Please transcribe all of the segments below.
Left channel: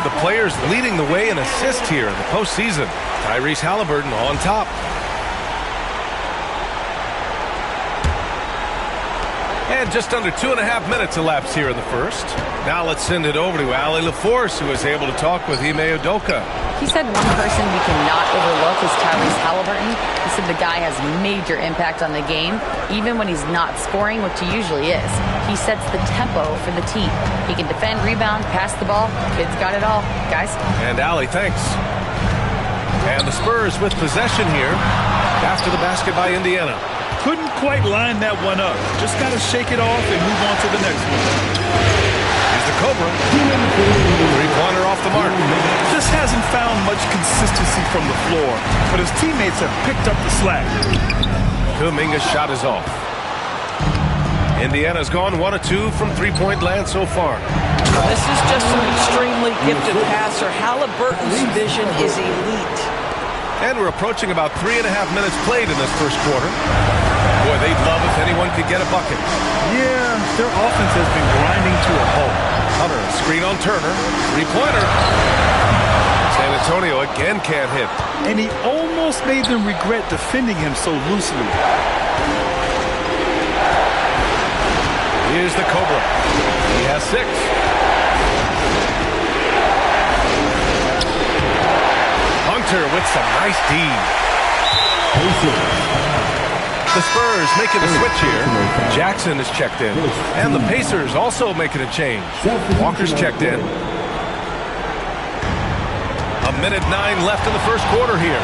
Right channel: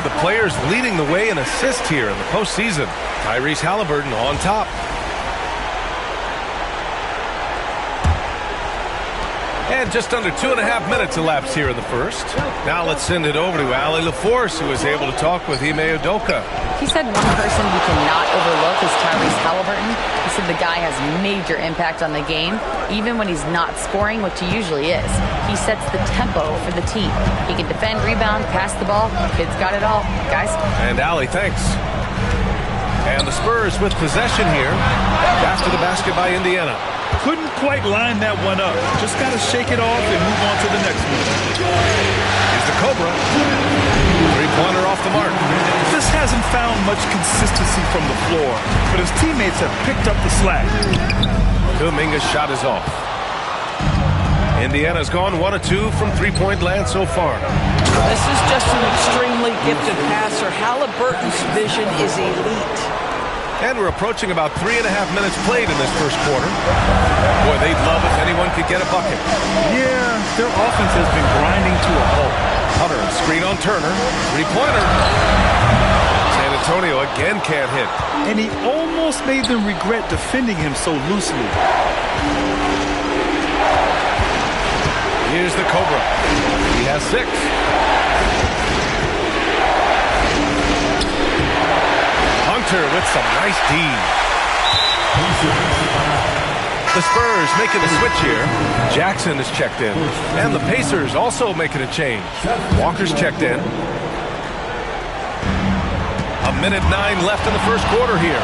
of the players leading the way in assists here in the postseason. Tyrese Halliburton on top. And just under 2.5 minutes elapsed here in the first. Now let's send it over to Allie LaForce, who was able to talk with Ime Udoka. He said one person we cannot overlook is Tyrese Halliburton. He said the guy has major impact on the game, even when he's not scoring, which he usually is. He sets the tempo for the team. He can defend, rebound, pass the ball. Kid's got it all. Guys. And Allie, thanks. And the Spurs with possession here after the basket by Indiana. Couldn't quite line that one up. Just got to shake it off and move on to the next one. Here's the Cobra. Three-pointer off the mark. Just hasn't found much consistency from the floor, but his teammates have picked up the slack. Kuminga's shot is off. Indiana's gone 1 of 2 from three-point land so far. This is just an extremely gifted passer. Halliburton's vision is elite. And we're approaching about 3.5 minutes played in this first quarter. Boy, they'd love if anyone could get a bucket. Yeah, their offense has been grinding to a halt. Hunter, screen on Turner. Three-pointer. San Antonio again can't hit. And he almost made them regret defending him so loosely. Here's the Cobra. He has 6. Hunter with some nice D. The Spurs making a switch here. Jackson is checked in. And the Pacers also making a change. Walker's checked in. 1:09 left in the first quarter here.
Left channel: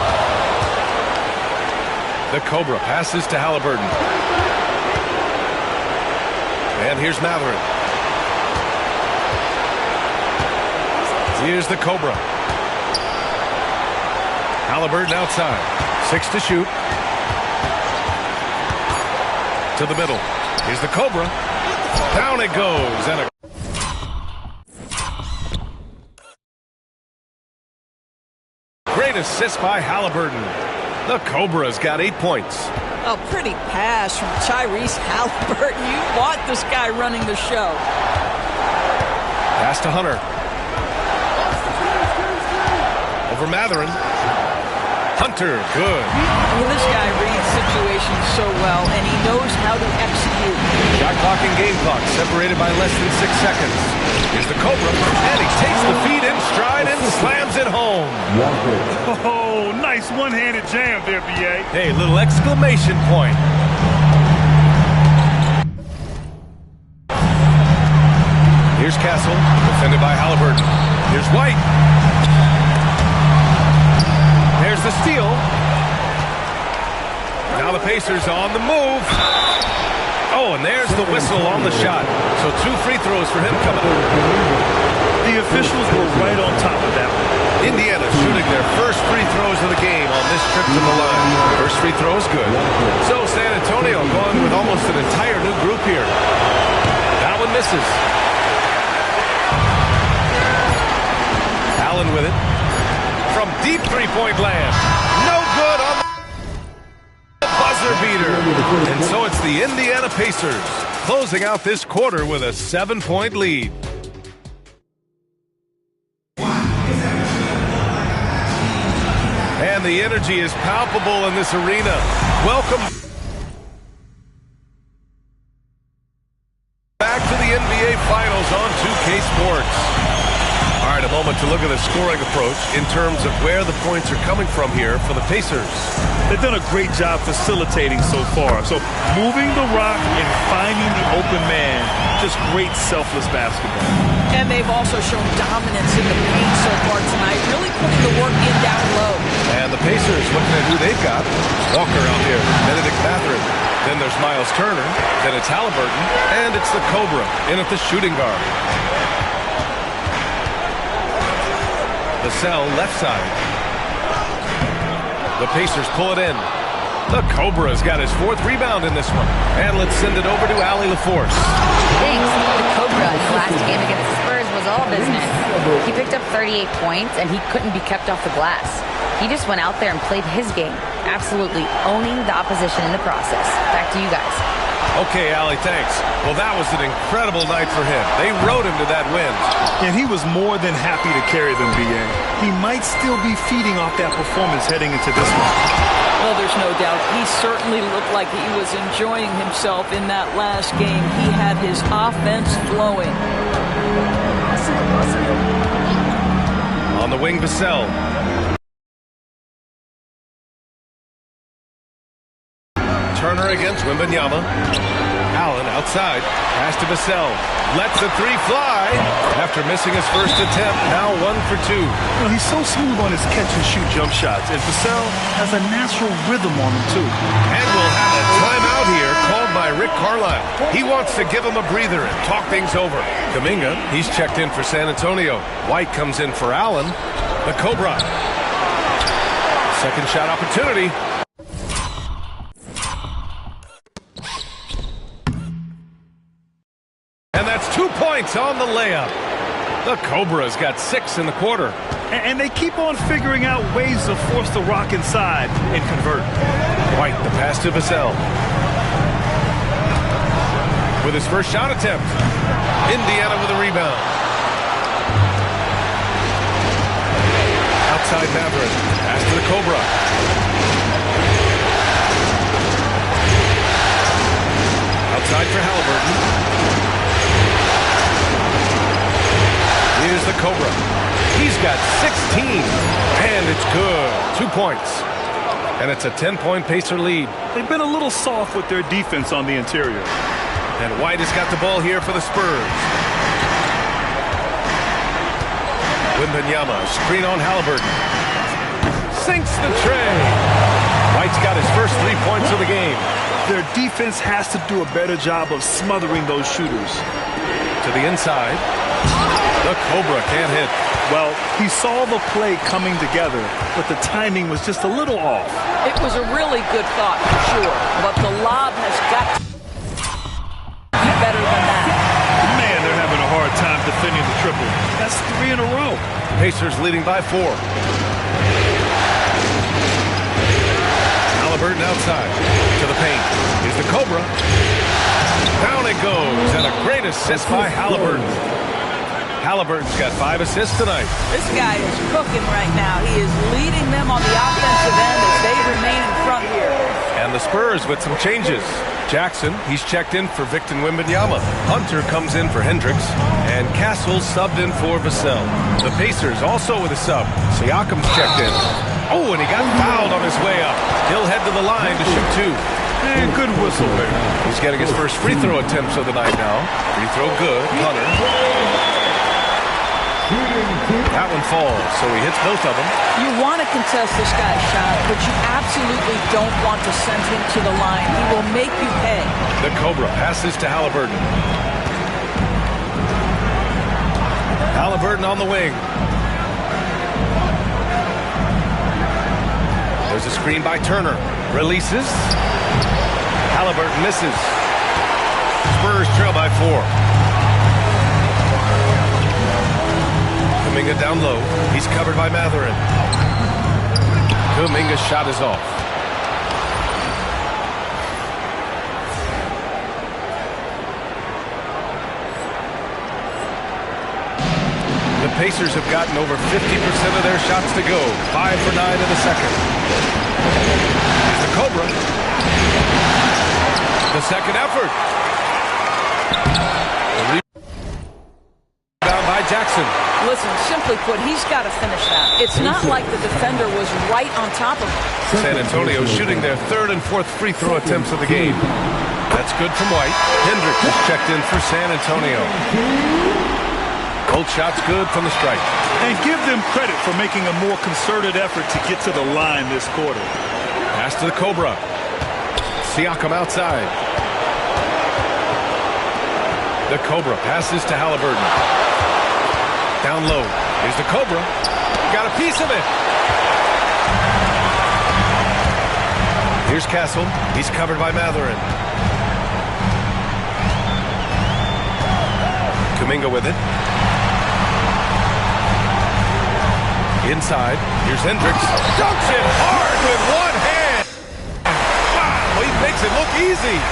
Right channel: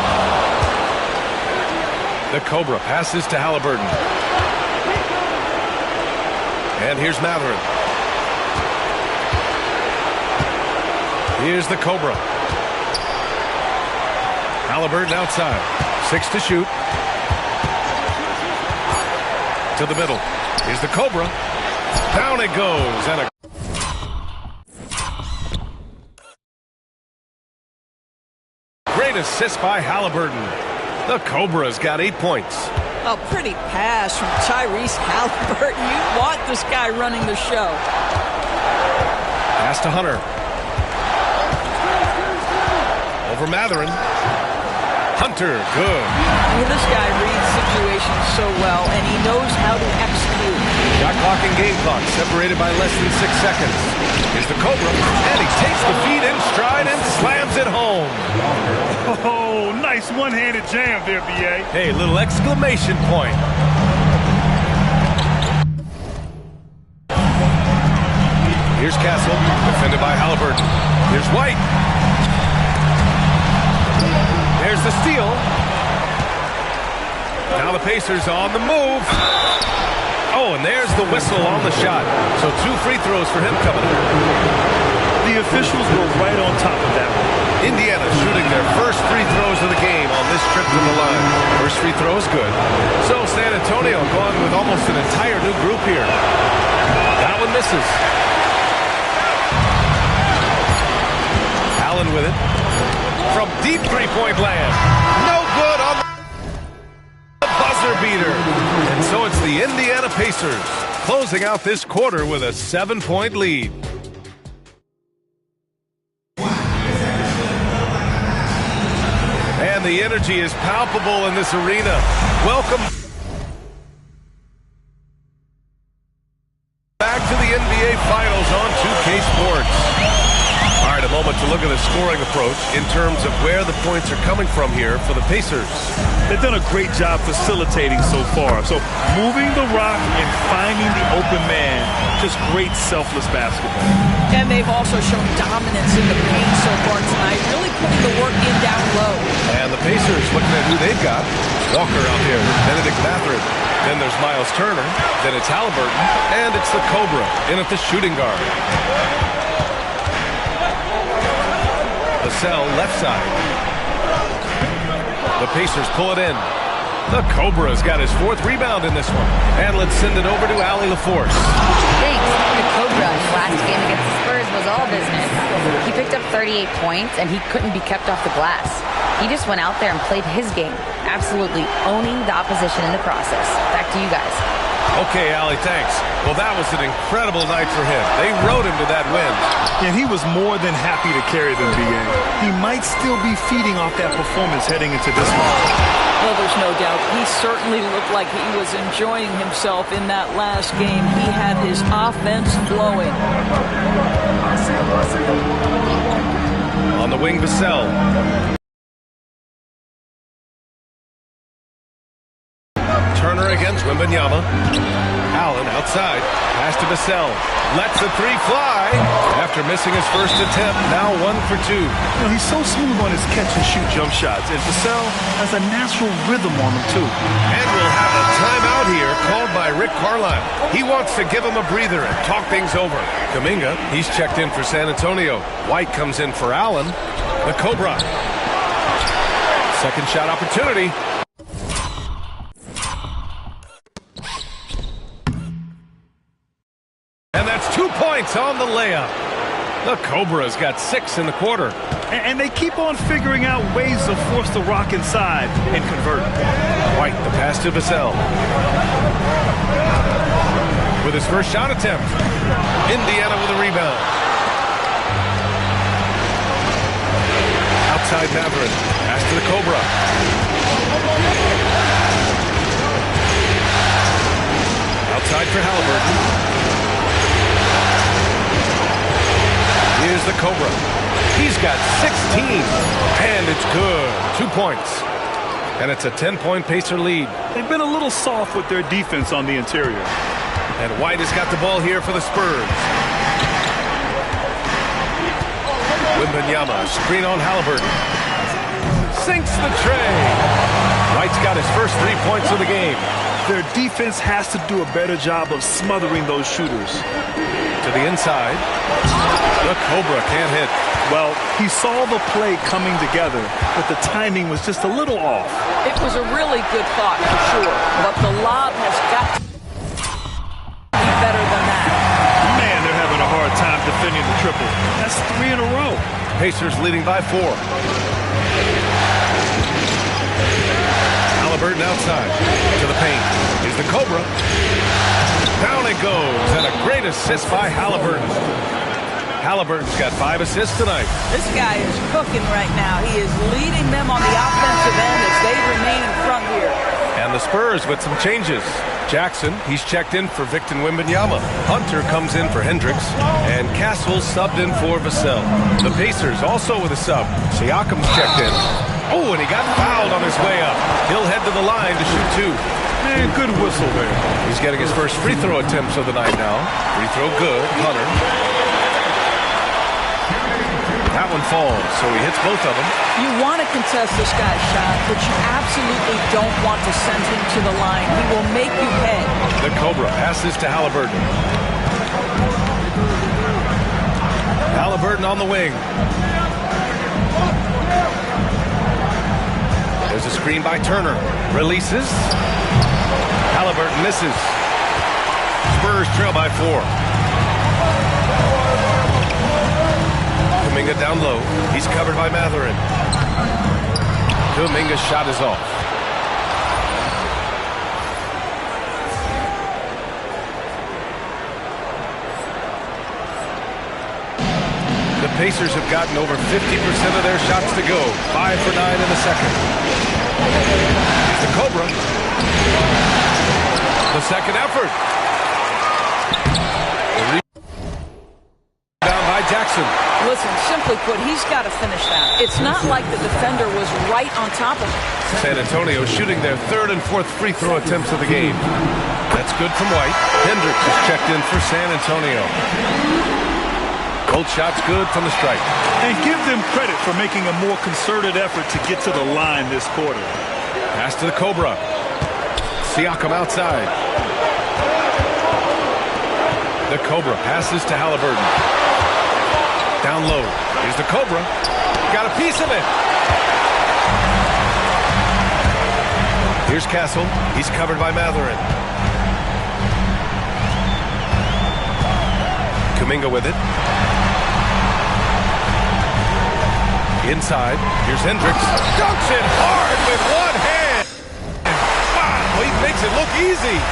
The Cobra passes to Halliburton. And here's Matherin. Here's the Cobra. Halliburton outside. 6 to shoot. To the middle. Here's the Cobra. Down it goes. And a great assist by Halliburton. The Cobra's got 8 points. A pretty pass from Tyrese Halliburton. You want this guy running the show. Pass to Hunter. Over Matherin. Hunter, good. This guy reads situations so well, and he knows how to execute. Shot clock and game clock separated by less than 6 seconds. Here's the Cobra, and he takes the feed in stride and slams it home. Oh, nice one-handed jam there, B.A. Hey, little exclamation point. Here's Castle, defended by Halliburton. Here's White. There's the steal. Now the Pacers on the move. Oh, and there's the whistle on the shot. So 2 free throws for him coming up. The officials were right on top of that one. Indiana shooting their first free throws of the game on this trip to the line. First free throw is good. So San Antonio going with almost an entire new group here. That one misses. Allen with it. From deep three-point land. No good on the buzzer beater. And so it's the Indiana Pacers closing out this quarter with a 7-point lead. And the energy is palpable in this arena. Welcome back to the NBA Finals on 2K Sports. All right, a moment to look at the scoring approach in terms of where the points are coming from here for the Pacers. They've done a great job facilitating so far. So moving the rock and finding the open man, just great selfless basketball. And they've also shown dominance in the paint so far tonight, really putting the work in down low. And the Pacers looking at who they've got. Walker out there, Benedict Matherin. Then there's Miles Turner. Then it's Halliburton. And it's the Cobra in at the shooting guard. Vassell left side. The Pacers pull it in. The Cobra's got his 4th rebound in this one. And let's send it over to Allie LaForce. Thanks. The Cobra in the last game against the Spurs was all business. He picked up 38 points, and he couldn't be kept off the glass. He just went out there and played his game. absolutely owning the opposition in the process. Back to you guys. Okay, Allie, thanks. Well, that was an incredible night for him. They rode him to that win. And he was more than happy to carry them, B.A. He might still be feeding off that performance heading into this one. Well, there's no doubt. He certainly looked like he was enjoying himself in that last game. He had his offense flowing. On the wing, Vassell. Turner against Wembanyama. Allen outside. Pass to Vassell. Lets the three fly. After missing his first attempt, now 1 for 2. You know, he's so smooth on his catch-and-shoot jump shots, and Vassell has a natural rhythm on him, too. And we'll have a timeout here called by Rick Carlisle. He wants to give him a breather and talk things over. Kuminga, he's checked in for San Antonio. White comes in for Allen. The Cobra. Second shot opportunity. And that's 2 points on the layup. The Cobra's got 6 in the quarter. And they keep on figuring out ways to force the rock inside and convert. White, the pass to Vassell. With his first shot attempt. Indiana with a rebound. Outside Matherin. Pass to the Cobra. Outside for Halliburton. Here's the Cobra. He's got 16. And it's good. 2 points. And it's a 10-point Pacer lead. They've been a little soft with their defense on the interior. And White has got the ball here for the Spurs. Wembanyama, screen on Halliburton. Sinks the tray. White's got his first 3 points of the game. Their defense has to do a better job of smothering those shooters. To the inside. The Cobra can't hit. Well, he saw the play coming together, but the timing was just a little off. It was a really good thought for sure, but the lob has got to be better than that. Man, they're having a hard time defending the triple. That's 3 in a row. Pacers leading by 4. Halliburton outside to the paint. Here's the Cobra. Down it goes, and a great assist by Halliburton. Halliburton's got 5 assists tonight. This guy is cooking right now. He is leading them on the offensive end as they remain in front here. And the Spurs with some changes. Jackson, he's checked in for Victor Wembanyama. Hunter comes in for Hendricks. And Castle subbed in for Vassell. The Pacers also with a sub. Siakam's checked in. Oh, and he got fouled on his way up. He'll head to the line to shoot 2. Man, good whistle there. He's getting his first free throw attempts of the night now. Free throw good. Hunter. That one falls, so he hits both of them. You want to contest this guy's shot, but you absolutely don't want to send him to the line. He will make you pay. The Cobra passes to Halliburton. Halliburton on the wing. There's a screen by Turner. Releases. Halliburton misses. Spurs trail by 4. Kuminga down low. He's covered by Matherin. Kuminga's shot is off. The Pacers have gotten over 50% of their shots to go. 5 for 9 in the second. Here's the Cobra. The second effort. The rebound by Jackson. Listen, simply put, he's got to finish that. It's not like the defender was right on top of him. San Antonio shooting their 3rd and 4th free throw attempts of the game. That's good from White. Hendricks is checked in for San Antonio. Both shots good from the stripe. And give them credit for making a more concerted effort to get to the line this quarter. Pass to the Cobra. Siakam outside. The Cobra passes to Halliburton. Down low. Here's the Cobra. Got a piece of it. Here's Castle. He's covered by Matherin. Kuminga with it. Inside, here's Hendricks. Dunks it hard with one hand. Wow, he makes it look easy.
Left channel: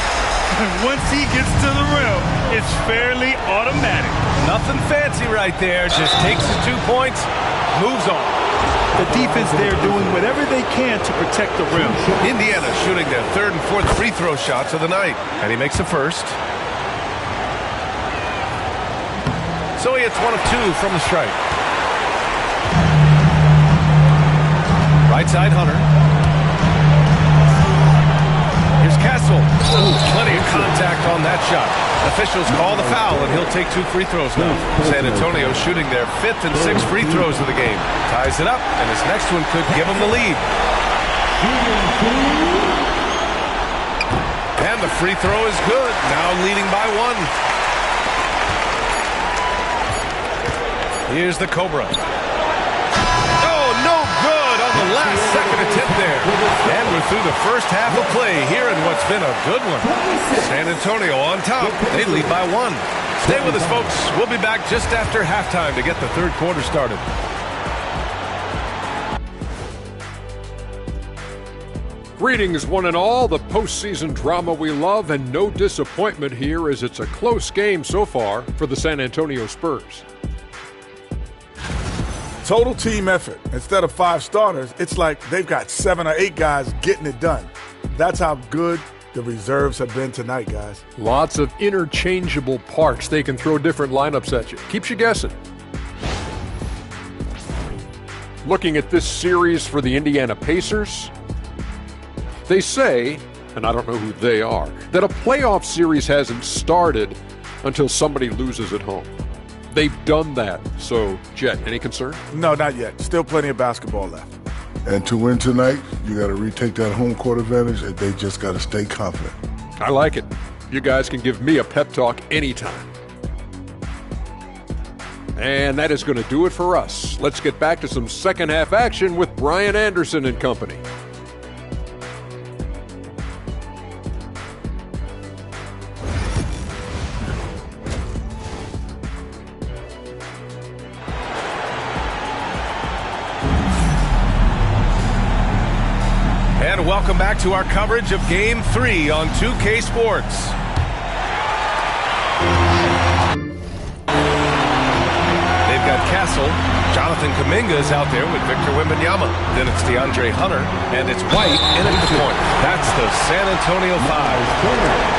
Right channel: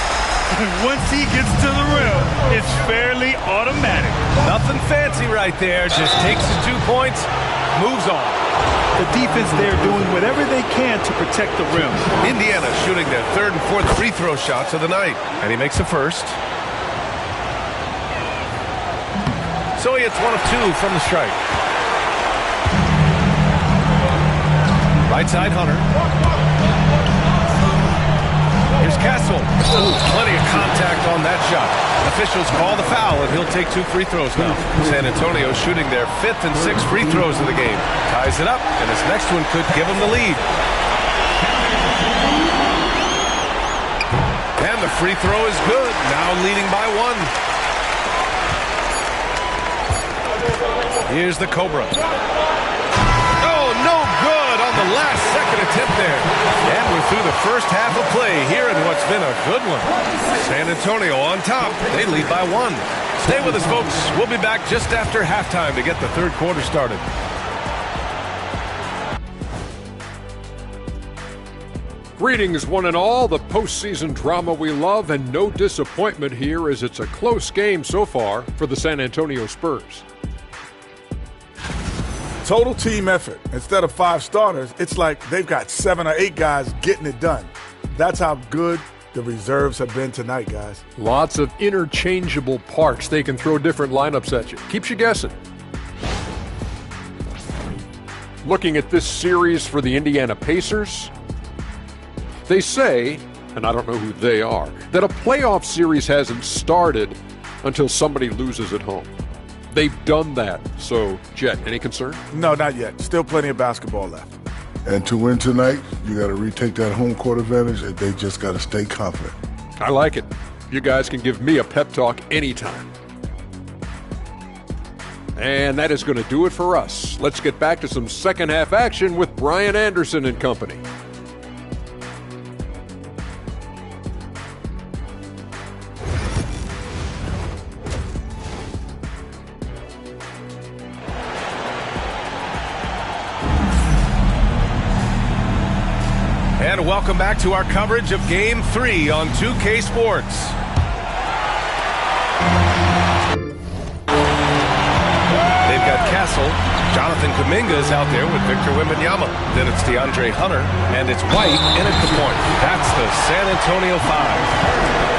Once he gets to the rim, it's fairly automatic. Nothing fancy right there. Just takes the 2 points, moves on. The defense there doing whatever they can to protect the rim. Indiana shooting their third and fourth free throw shots of the night. And he makes the first. So he hits 1 of 2 from the stripe. Right side, Hunter. Here's Castle. Ooh, plenty of contact on that shot. Officials call the foul, and he'll take 2 free throws now. San Antonio shooting their 5th and 6th free throws of the game. Ties it up, and his next one could give him the lead. And the free throw is good. Now leading by 1. Here's the Cobra. Oh, no good on the last second attempt there. And we're through the first half of play here in what's been a good one. San Antonio on top. They lead by 1. Stay with us, folks. We'll be back just after halftime to get the third quarter started. Greetings, one and all. The postseason drama we love, and no disappointment here as it's a close game so far for the San Antonio Spurs. Total team effort. Instead of 5 starters, it's like they've got 7 or 8 guys getting it done. That's how good the reserves have been tonight, guys. Lots of interchangeable parts. They can throw different lineups at you. Keeps you guessing. Looking at this series for the Indiana Pacers, they say, and I don't know who they are, that a playoff series hasn't started until somebody loses at home. They've done that. So, Jet, any concern? No, not yet. Still plenty of basketball left. And to win tonight, you got to retake that home court advantage, and they just got to stay confident. I like it. You guys can give me a pep talk anytime. And that is going to do it for us. Let's get back to some second half action with Brian Anderson and company. And welcome back to our coverage of Game 3 on 2K Sports. They've got Castle. Jonathan Kuminga is out there with Victor Wembanyama. Then it's DeAndre Hunter, and it's White in at the point. That's the San Antonio 5.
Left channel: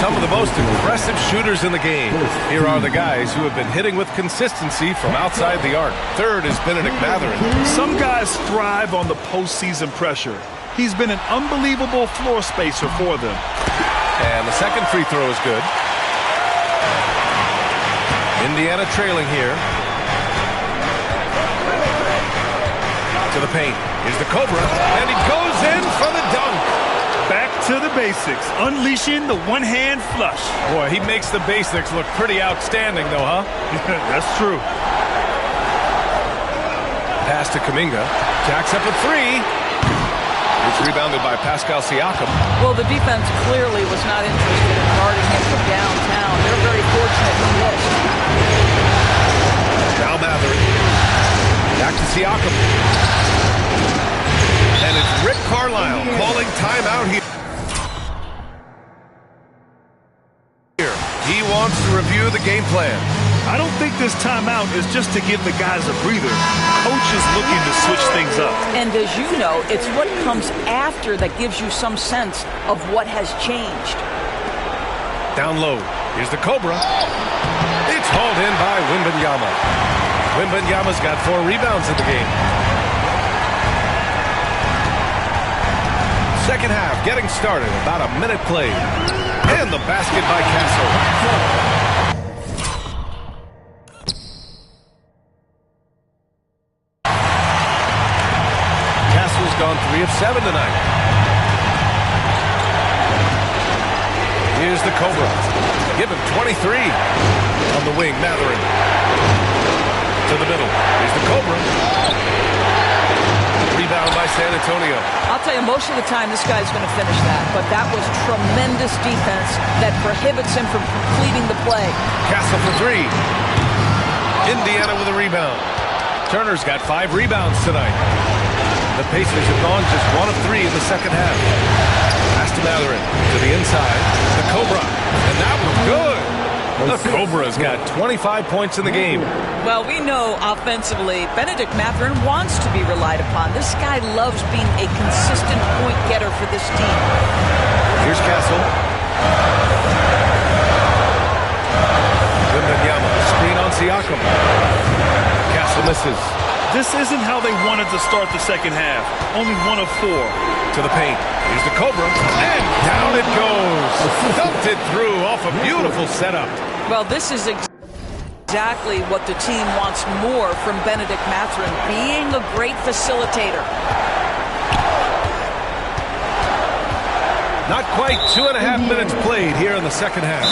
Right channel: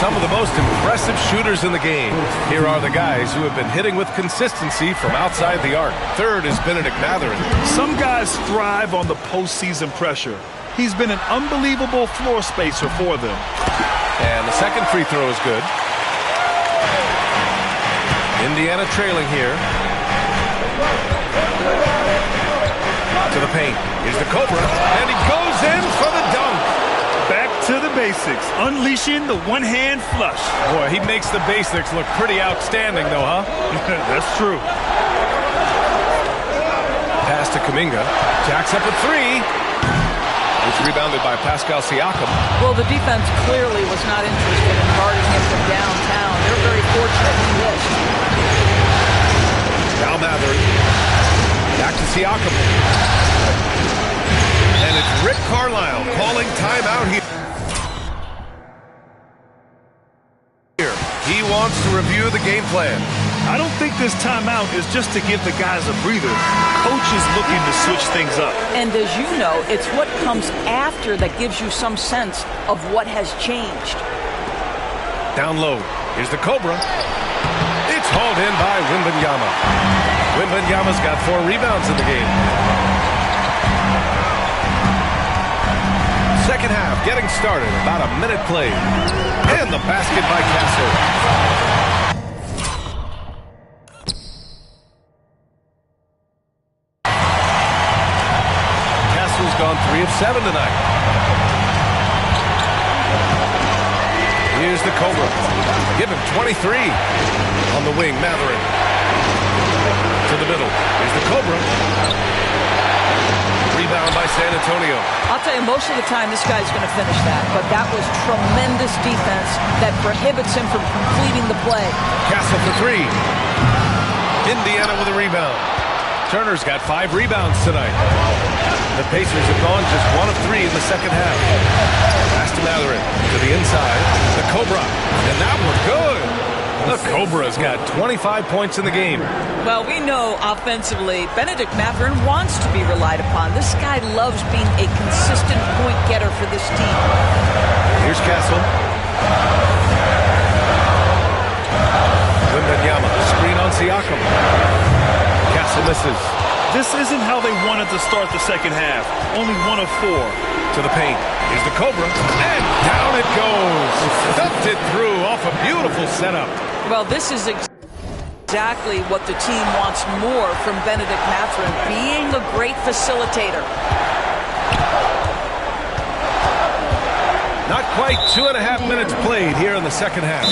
Some of the most impressive shooters in the game. Here are the guys who have been hitting with consistency from outside the arc. Third is Benedict Mathurin. Some guys thrive on the postseason pressure. He's been an unbelievable floor spacer for them. And the second free throw is good. Indiana trailing here. To the paint. Here's the Cobra, and he goes in for the dunk. Back to the basics, unleashing the one-hand flush. Boy, he makes the basics look pretty outstanding, though, huh? That's true. Pass to Kuminga. Jacks up a 3. It's rebounded by Pascal Siakam. Well, the defense clearly was not interested in guarding him from downtown. They're very fortunate he missed. Now Mathurin. Back to Siakam. And it's Rick Carlisle calling timeout here. He wants to review the game plan. I don't think this timeout is just to give the guys a breather. Coach is looking to switch things up. And as you know, it's what comes after that gives you some sense of what has changed. Down low. Here's the Cobra. It's hauled in by Wembanyama. Wembanyama's got 4 rebounds in the game. Second half getting started. About a minute played. And the basket by Castle. Castle's gone 3 of 7 tonight. Here's the Cobra. Give him 23. On the wing, Mathurin. To the middle. Here's the Cobra. Rebound by San Antonio. I'll tell you, most of the time this guy's going to finish that, but that was tremendous defense that prohibits him from completing the play. Castle for 3. Indiana with a rebound. Turner's got 5 rebounds tonight. The Pacers have gone just 1 of 3 in the second half. Pass to Matherin to the inside. The Cobra. And that was good. The Cobra's got 25 points in the game. Well, we know offensively, Benedict Matherin wants to be relied upon. This guy loves being a consistent point getter for this team. Here's Castle. Wembanyama, screen on Siakam. Castle misses. This isn't how they wanted to start the second half. Only 1 of 4. To the paint. Here's the Cobra. And down it goes. Dumped it through off a beautiful setup. Well, this is exactly what the team wants more from Benedict Matherin, being a great facilitator. Not quite 2.5 minutes played here in the second half.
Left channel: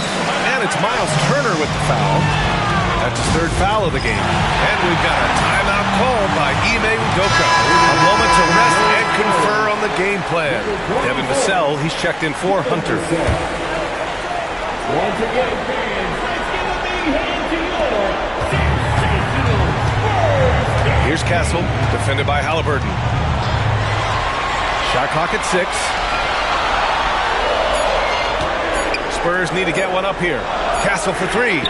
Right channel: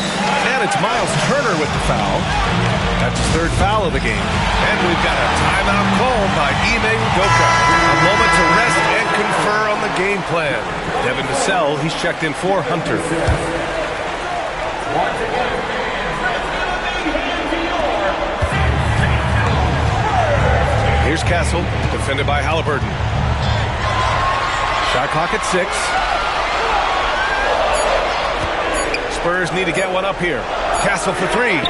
And it's Miles Turner with the foul. That's his 3rd foul of the game. And we've got a timeout called by Ime Udoka. A moment to rest and confer on the game plan. Devin Vassell, he's checked in for Hunter. Here's Castle, defended by Halliburton. Shot clock at 6. Spurs need to get one up here. Castle for 3.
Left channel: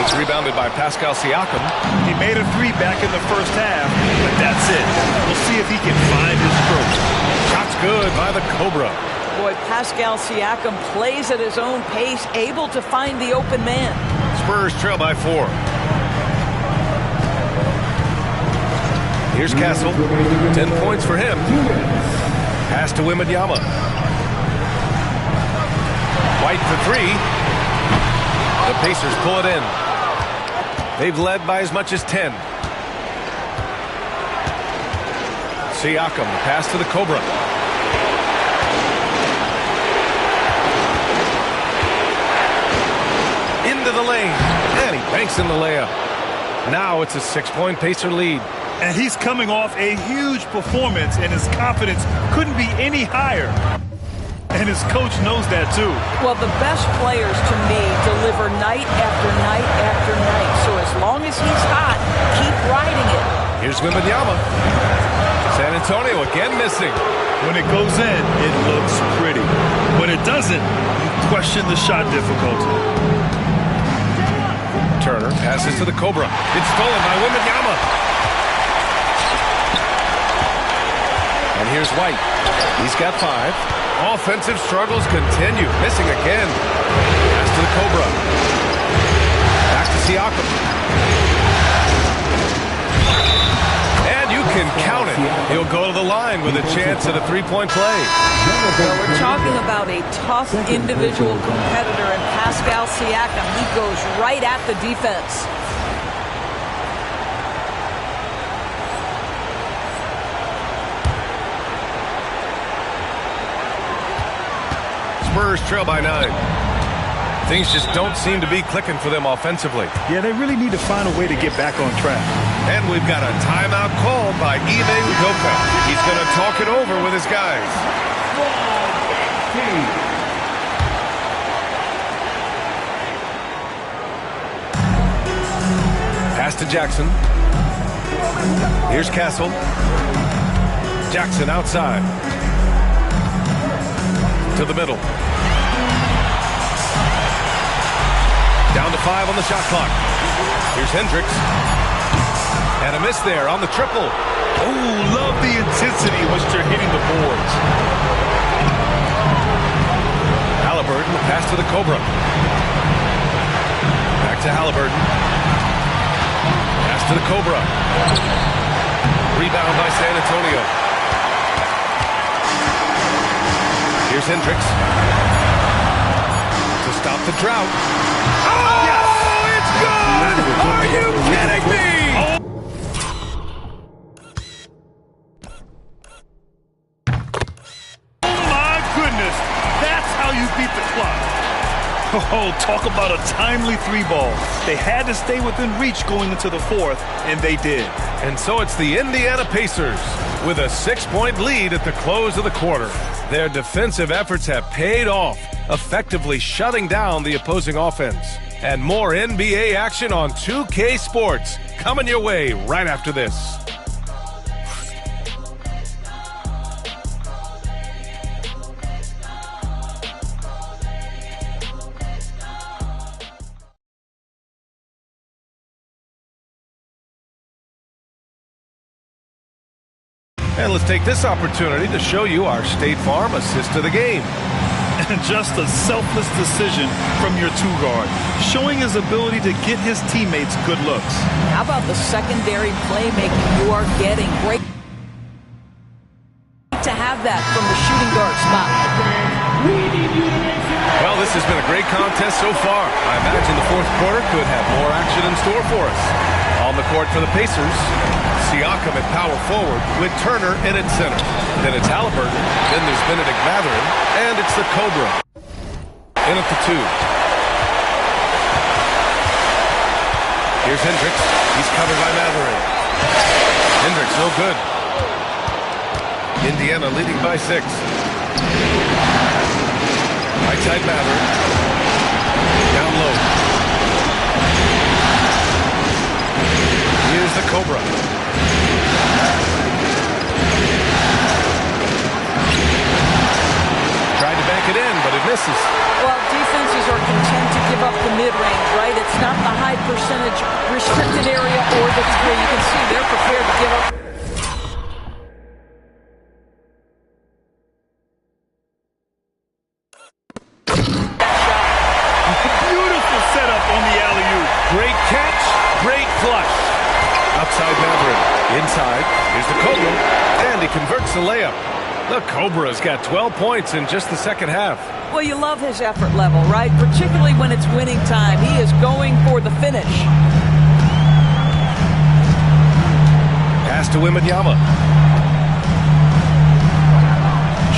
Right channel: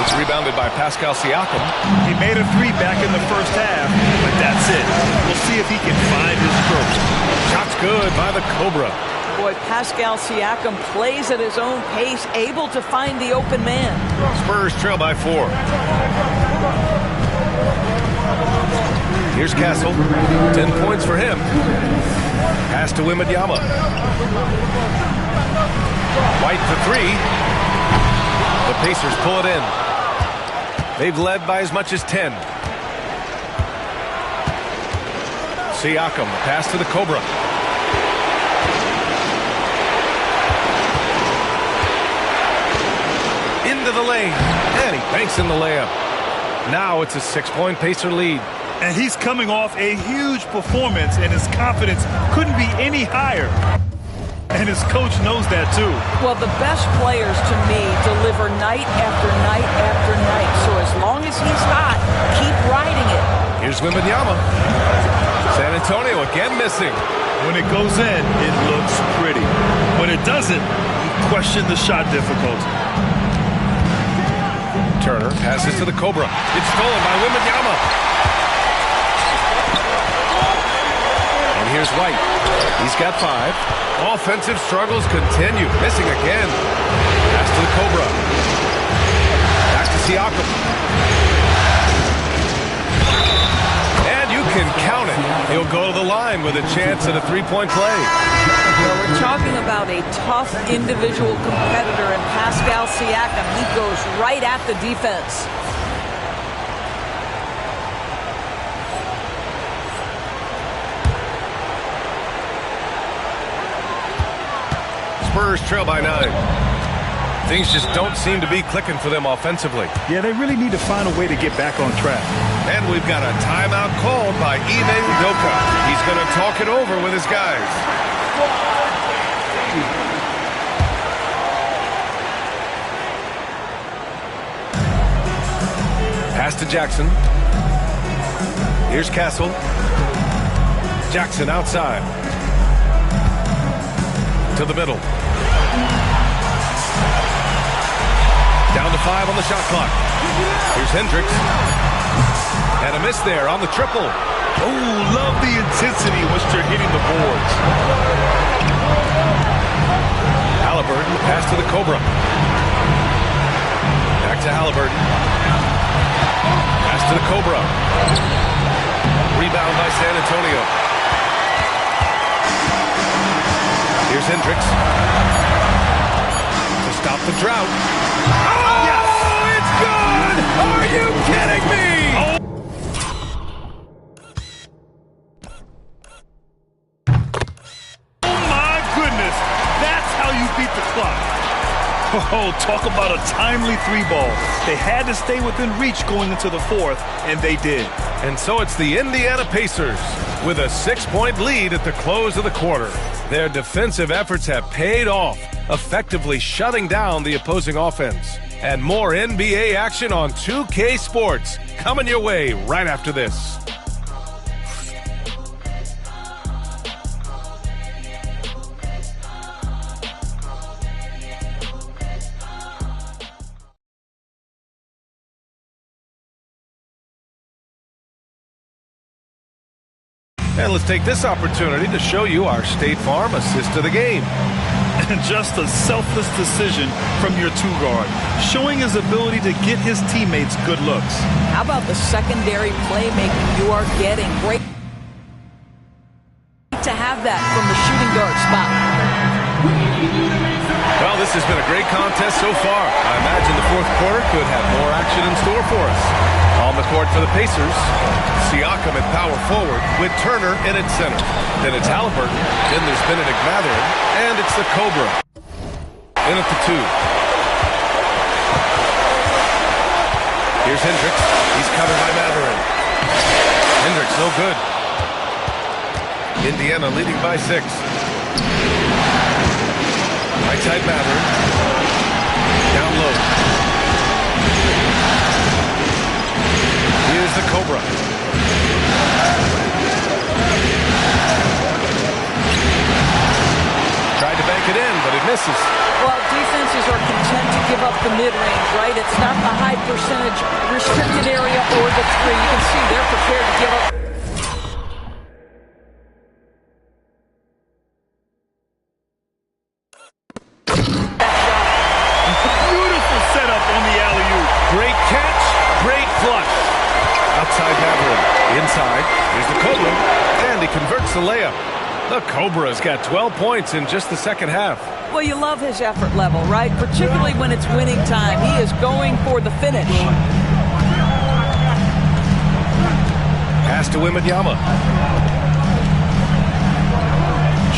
It's rebounded by Pascal Siakam. He made a 3 back in the first half, but that's it. We'll see if he can find his stroke. Shot's good by the Cobra. Boy, Pascal Siakam plays at his own pace, able to find the open man. Spurs trail by 4. Here's Castle. 10 points for him. Pass to Wembanyama. White for 3. The Pacers pull it in. They've led by as much as 10. Siakam, pass to the Cobra. Into the lane. And he banks in the layup. Now it's a 6-point Pacer lead. And he's coming off a huge performance, and his confidence couldn't be any higher. And his coach knows that, too. Well, the best players, to me, deliver night after night after night. So as long as he's hot, keep riding it. Here's Wembanyama. San Antonio again missing. When it goes in, it looks pretty. When it doesn't, you question the shot difficulty. Turner passes to the Cobra. It's stolen by Wembanyama. And here's White. He's got 5. Offensive struggles continue. Missing again. Pass to the Cobra. Back to Siakam. And you can count it. He'll go to the line with a chance at a 3-point play. Well, we're talking about a tough individual competitor in Pascal Siakam. He goes right at the defense. Spurs trail by 9. Things just don't seem to be clicking for them offensively. Yeah, they really need to find a way to get back on track. And we've got a timeout called by Ime Udoka. He's going to talk it over with his guys. Pass to Jackson. Here's Castle. Jackson outside. To the middle. Down to 5 on the shot clock. Here's Hendricks. And a miss there on the triple. Oh, love the intensity in which they're hitting the boards. Halliburton, pass to the Cobra. Back to Halliburton. Pass to the Cobra. Rebound by San Antonio. Here's Hendricks. To stop the drought. Oh, yes! It's good! Are you kidding me? Oh, my goodness. That's how you beat the clock. Oh, talk about a timely 3-ball. They had to stay within reach going into the 4th, and they did. And so it's the Indiana Pacers with a 6-point lead at the close of the quarter. Their defensive efforts have paid off, effectively shutting down the opposing offense. And more NBA action on 2K Sports coming your way right after this. And let's take this opportunity to show you our State Farm assist of the game. And just a selfless decision from your two-guard, showing his ability to get his teammates good looks. How about the secondary playmaking you are getting? Great to have that from the shooting guard spot. Well, this has been a great contest so far. I imagine the fourth quarter could have more action in store for us. On the court for the Pacers, Siakam at power forward with Turner in at center. Then it's Halliburton, then there's Benedict Mathurin, and it's the Cobra. In at the 2. Here's Hendricks. He's covered by Mathurin. Hendricks no good. Indiana leading by 6. Right side Mathurin. Down low. Here's the Cobra. Tried to bank it in, but it misses. Well, defenses are content to give up the mid-range, right? It's not the high percentage restricted area or the 3. You can see they're prepared to give up. That shot. Beautiful setup on the alley-oop. Great catch, great flush. Outside Mathurin. Inside. Here's the Cobra. And he converts the layup. The Cobra's got 12 points in just the second half. Well, you love his effort level, right? Particularly when it's winning time. He is going for the finish. Pass to Wembanyama.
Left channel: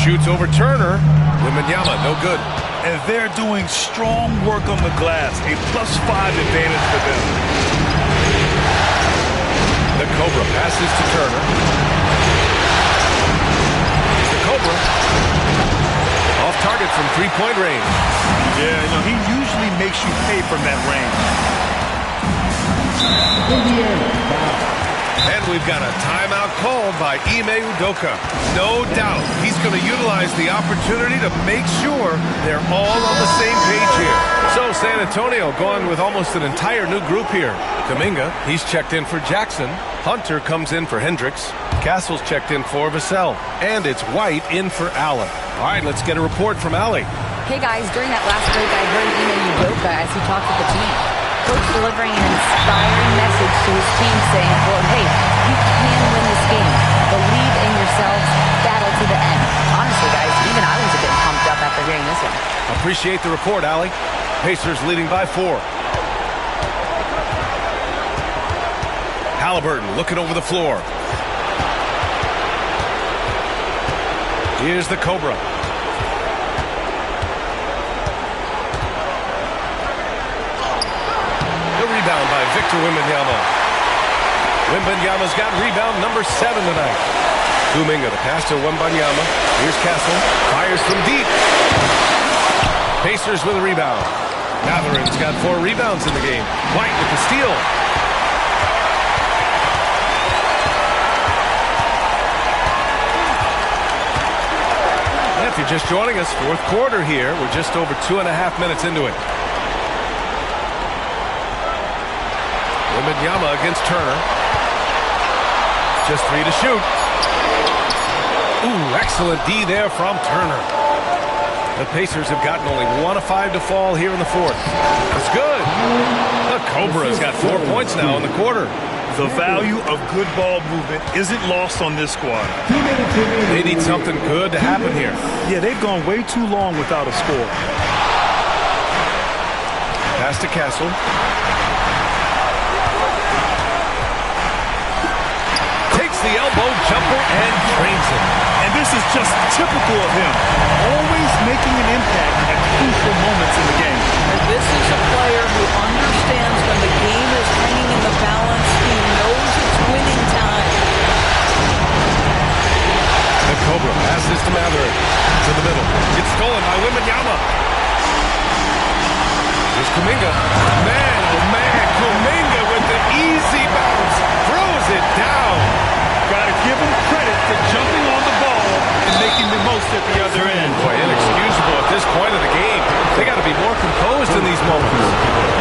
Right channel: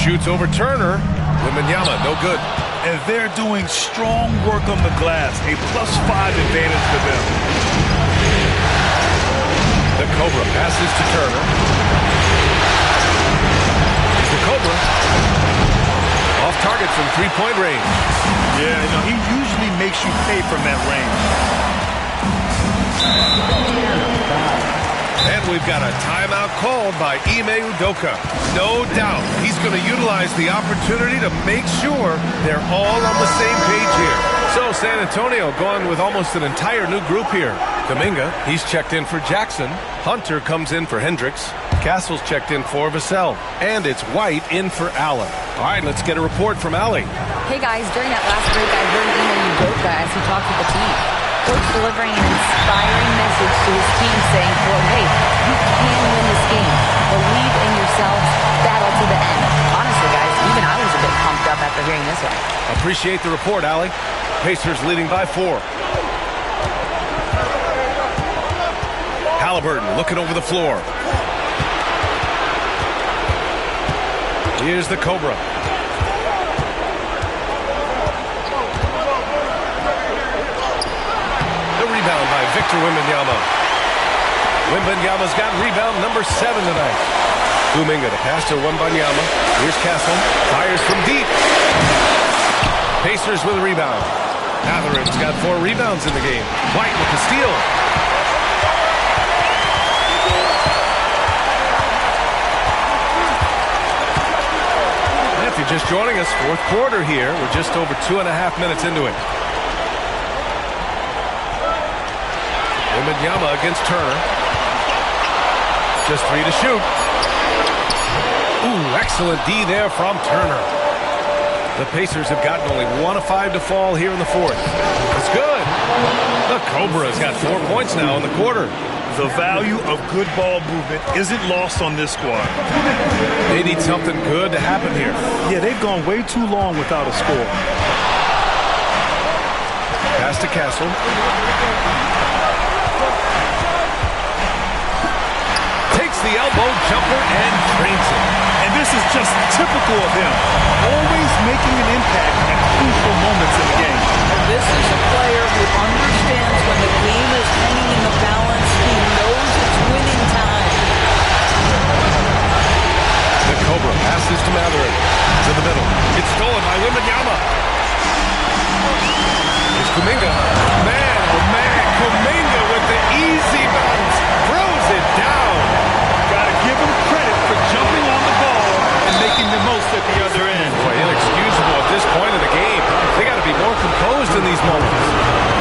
Shoots over Turner. Wembanyama, no good. And they're doing strong work on the glass. A +5 advantage for them. The Cobra passes to Turner. Here's the Cobra. Off target from three-point range. Yeah, he usually makes you pay from that range. And we've got a timeout called by Ime Udoka. No doubt he's going to utilize the opportunity to make sure they're all on the same page here. So San Antonio going with almost an entire new group here. Kuminga, he's checked in for Jackson. Hunter comes in for Hendricks. Castle's checked in for Vassell. And it's White in for Allen. All right, let's get a report from Allie. Hey guys, during that last break, I heard Ime Udoka as he talked with the team. Coach delivering an inspiring message to his team saying, quote, hey, you can win this game. Believe in yourselves. Battle to the end. Honestly, guys, even I was a bit pumped up after hearing this one. Appreciate the report, Allie. Pacers leading by 4. Halliburton looking over the floor. Here's the Cobra. The rebound by Victor Wembanyama. Wembanyama's got rebound number 7 tonight. Kuminga to pass to Wembanyama. Here's Castle. Fires from deep. Pacers with a rebound. Mathurin's got 4 rebounds in the game. White with the steal. If you're just joining us, fourth quarter here. We're just over 2.5 minutes into it. Wembanyama against Turner. Just 3 to shoot. Ooh, excellent D there from Turner. The Pacers have gotten only 1 of 5 to fall here in the fourth. It's good. The Cobra's got 4 points now in the quarter. The value of good ball movement isn't lost on this squad. They need something good to happen here. Yeah, they've gone way too long without a score. Pass to Castle. Takes the elbow jumper and drains it. And this is just typical of him. Always making an impact at crucial moments in the game. And this is a player who understands when the game is hanging in the balance. He knows it's winning time. The Cobra passes to Mathurin. To the middle. It's stolen by Wembanyama. Here's Kuminga. Man, oh man, Kuminga with the easy bounce. Throws it down. Got to give him credit for jumping on the ball and making the most at the other end. Boy, inexcusable at this point of the game. They got to be more composed in these moments.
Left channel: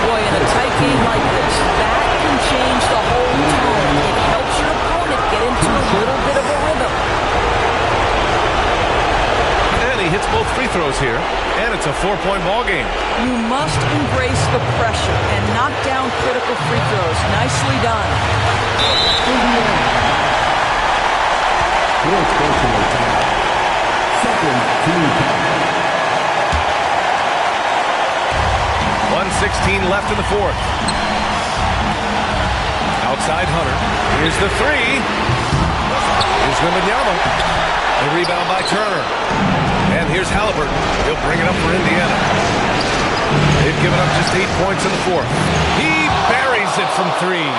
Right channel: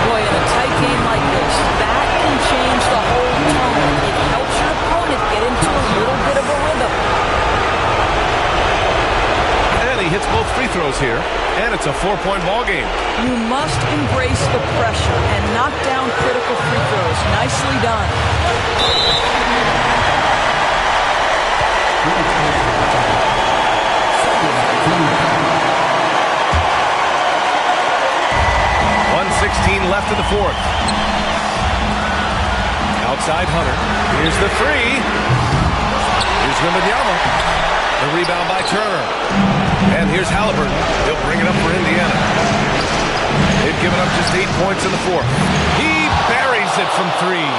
Boy, in a tight game like this, that can change the whole tone. It helps your opponent get into a little bit of a rhythm. And he hits both free throws here, and it's a 4-point ball game. You must embrace the pressure and knock down critical free throws. Nicely done. 1:16 left in the fourth. Outside Hunter. Here's the three. Here's Wembanyama. The rebound by Turner. And here's Halliburton. He'll bring it up for Indiana. They've given up just 8 points in the fourth. He buries it from three.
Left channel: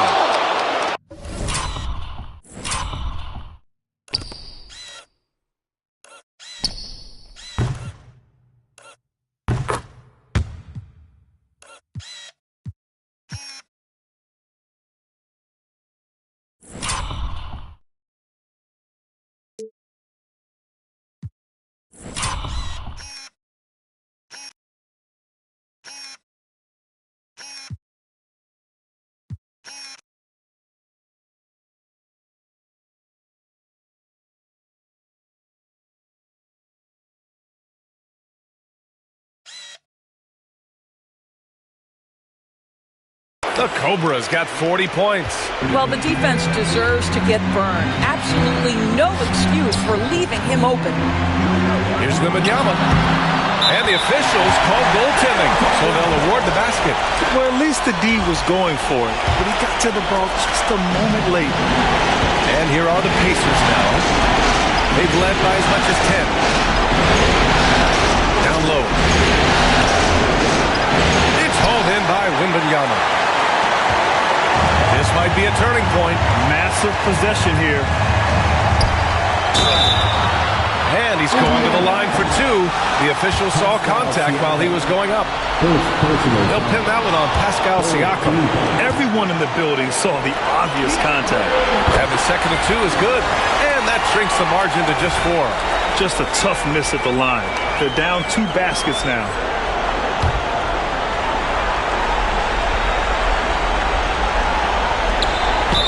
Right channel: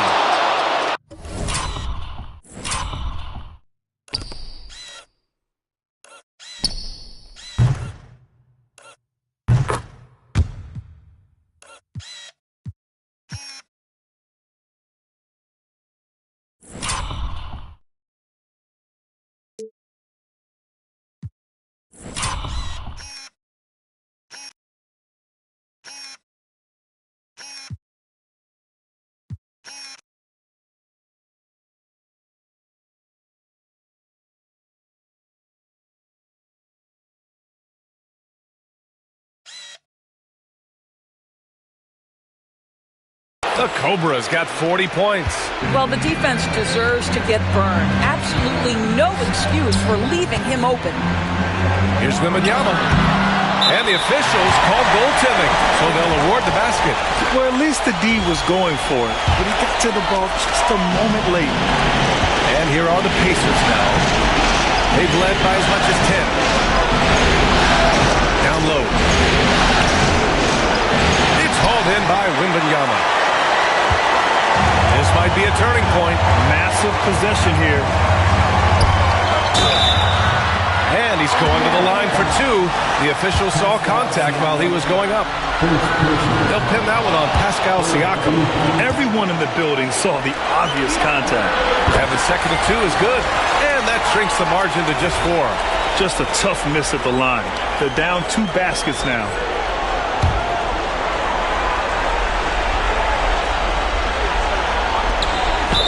The Cobras got 40 points. Well, the defense deserves to get burned. Absolutely no excuse for leaving him open. Here's Wembanyama. And the officials called goaltending, so they'll award the basket. Well, at least the D was going for it, but he got to the ball just a moment late. And here are the Pacers now. They've led by as much as 10. Down low. It's hauled in by Wembanyama. This might be a turning point. Massive possession here. And he's going to the line for two. The officials saw contact while he was going up. They'll pin that one on Pascal Siakam. Everyone in the building saw the obvious contact. Having second and two is good. And that shrinks the margin to just 4. Just a tough miss at the line. They're down 2 baskets now.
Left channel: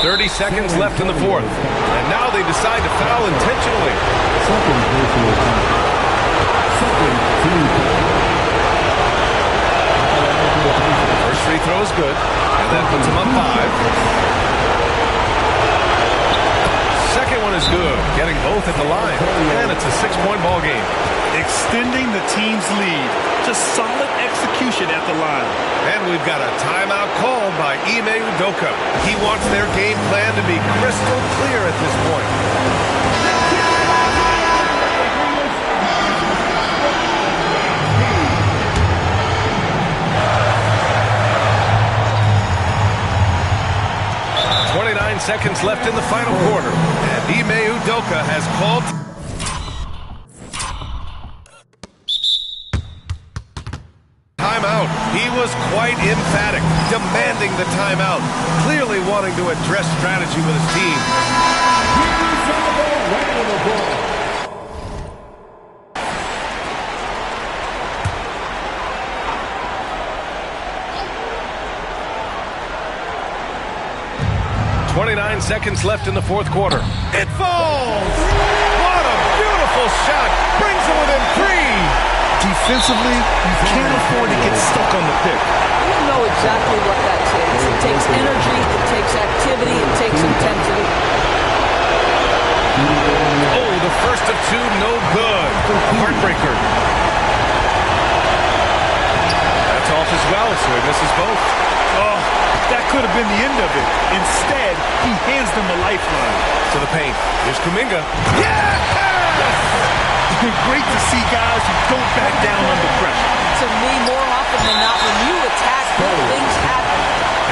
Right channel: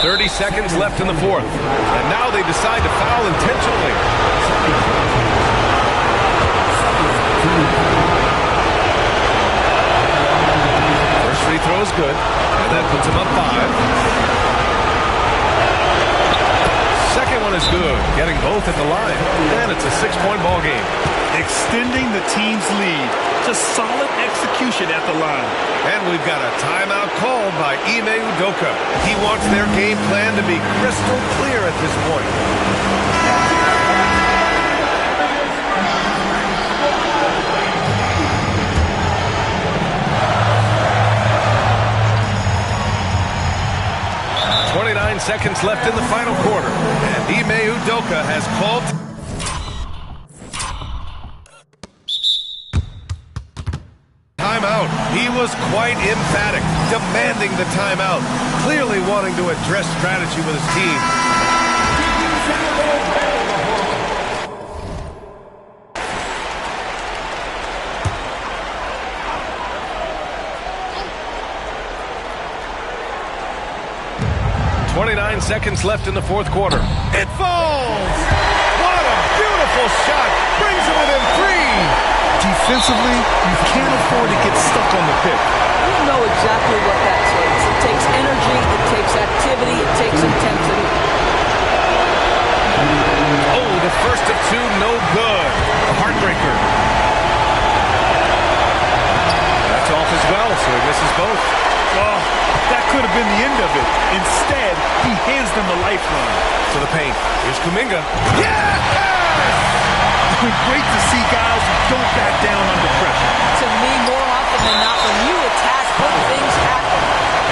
.30 seconds left in the fourth. And now they decide to foul intentionally. First free throw is good. And that puts him up 5. Second one is good. Getting both at the line. And it's a 6-point ball game. Extending the team's lead. Just solid execution at the line. And we've got a timeout called by Ime Udoka. He wants their game plan to be crystal clear at this point. .29 seconds left in the final quarter. And Ime Udoka has called timeout. He was quite emphatic, demanding the timeout, clearly wanting to address strategy with his team. 29 seconds left in the fourth quarter. It falls! What a beautiful shot! Brings him within 3! Defensively, you can't afford to get stuck on the pick. You know exactly what that takes. It takes energy, it takes activity, it takes intensity. Oh, the first of 2, no good. A heartbreaker. That's off as well, so he misses both. Oh, that could have been the end of it. Instead, he hands them a lifeline. To the paint. Here's Kuminga. Yes! Great to see guys who don't back down under pressure. To me, more often than not, when you attack, good things happen.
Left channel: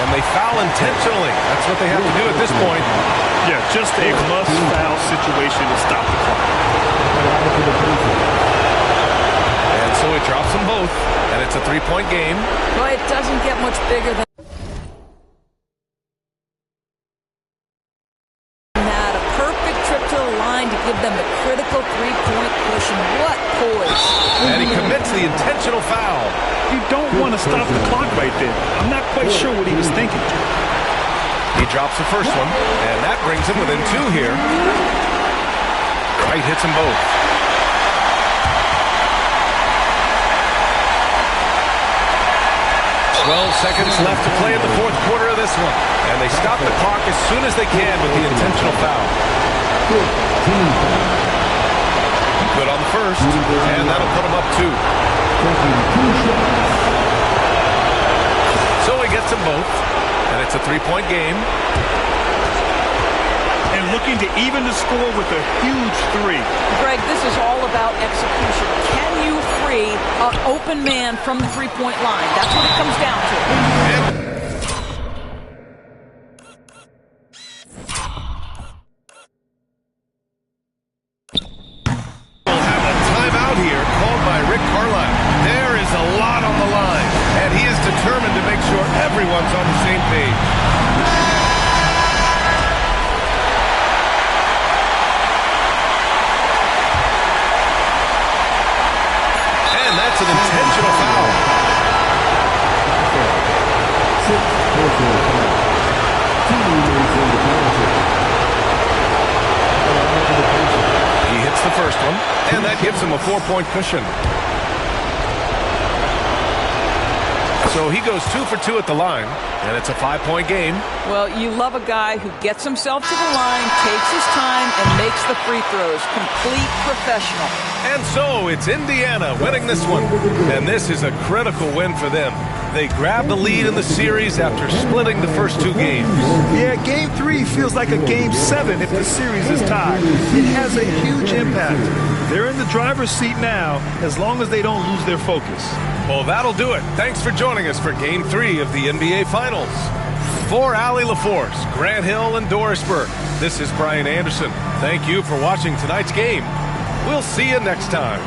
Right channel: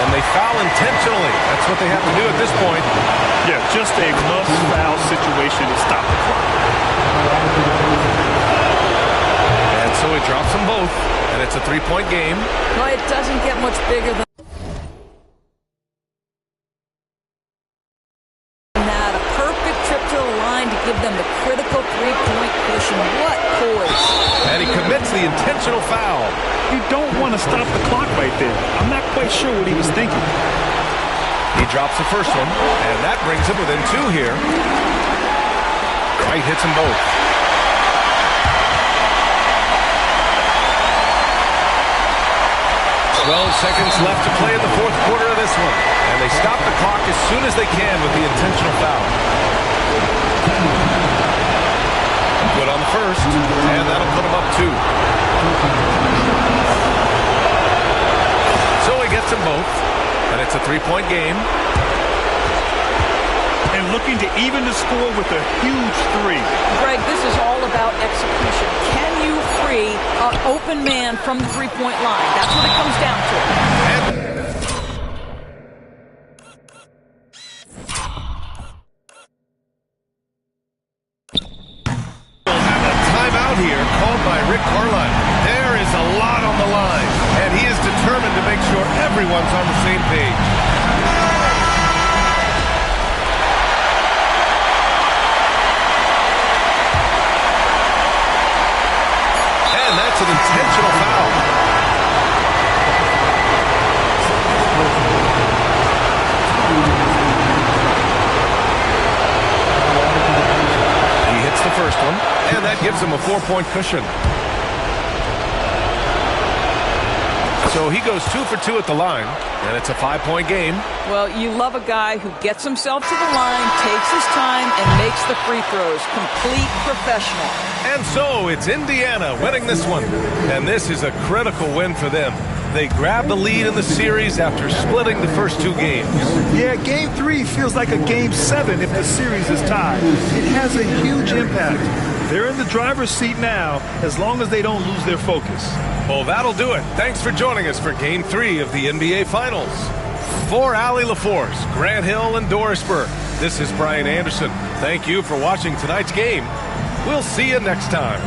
And they foul intentionally. That's what they have to do at this point. Yeah, just a must-foul situation to stop the clock. And so he drops them both, and it's a 3-point game. Well, it doesn't get much bigger than the line to give them the critical three-point cushion. What poise. And he commits the intentional foul. You don't want to stop the clock right there. I'm not quite sure what he was thinking. He drops the first one, and that brings him within 2 here. Wright hits them both. "12 seconds left to play in the 4th quarter of this one. And they stop the clock as soon as they can with the intentional foul. Good on the first, and that'll put him up 2. So he gets them both, and it's a 3-point game. And looking to even the score with a huge 3. Greg, this is all about execution. Can you free an open man from the three-point line? That's what it comes down to. We'll have a timeout here called by Rick Carlisle. There is a lot on the line, and he is determined to make sure everyone's on the same page. And that's an intentional foul. He hits the first one, and that gives him a 4-point cushion. So he goes 2 for 2 at the line, and it's a 5-point game. Well, you love a guy who gets himself to the line, takes his time, and makes the free throws. Complete professional. And so it's Indiana winning this one. And this is a critical win for them. They grab the lead in the series after splitting the first 2 games. Yeah, Game 3 feels like a Game 7 if the series is tied. It has a huge impact. They're in the driver's seat now as long as they don't lose their focus. Well, that'll do it. Thanks for joining us for Game 3 of the NBA Finals. For Allie LaForce, Grant Hill, and Doris Burke, this is Brian Anderson. Thank you for watching tonight's game. We'll see you next time.